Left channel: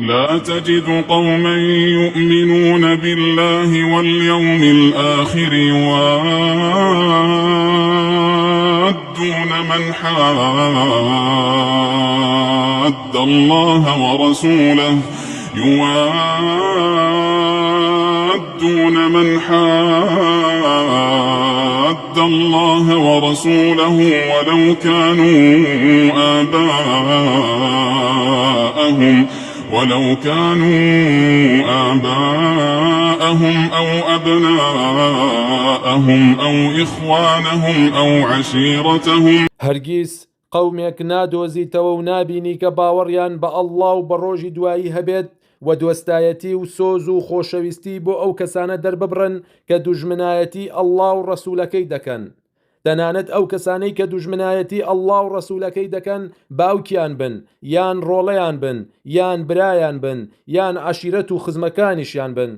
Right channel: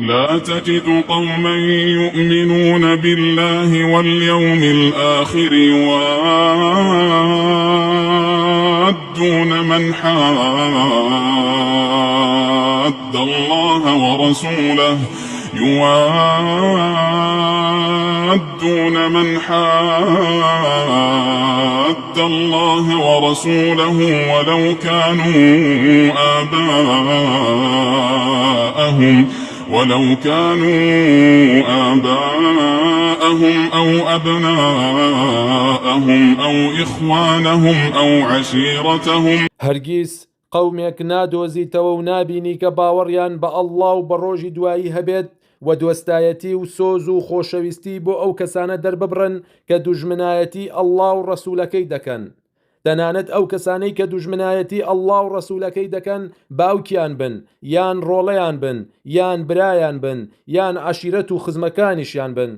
لا تجد قوما يؤمنون بالله واليوم الآخر يوادون من حاد الله ورسوله ولو كانوا آباءهم أو أبناءهم أو إخوانهم أو عشيرتهم. هەرگیز قەومێک نادۆزیتەوە و نابینی کە باوەڕیان بە ئەڵڵا و بە ڕۆژی دوایی هەبێت و دۆستایەتی و سۆز و خۆشەویستی بۆ ئەو کەسانە دەرببڕن کە دوژمنایەتی ئەڵڵا و ڕەسوولەکەی دەکەن. تەنانەت ئەو کەسانەی کە دوژمنایەتی ئەڵڵا و ڕەسوولەکەی دەکەن باوکیان بن، یان ڕۆڵەیان بن، یان برایان بن، یان عەشیرەت و خزمەکانیشیان بن.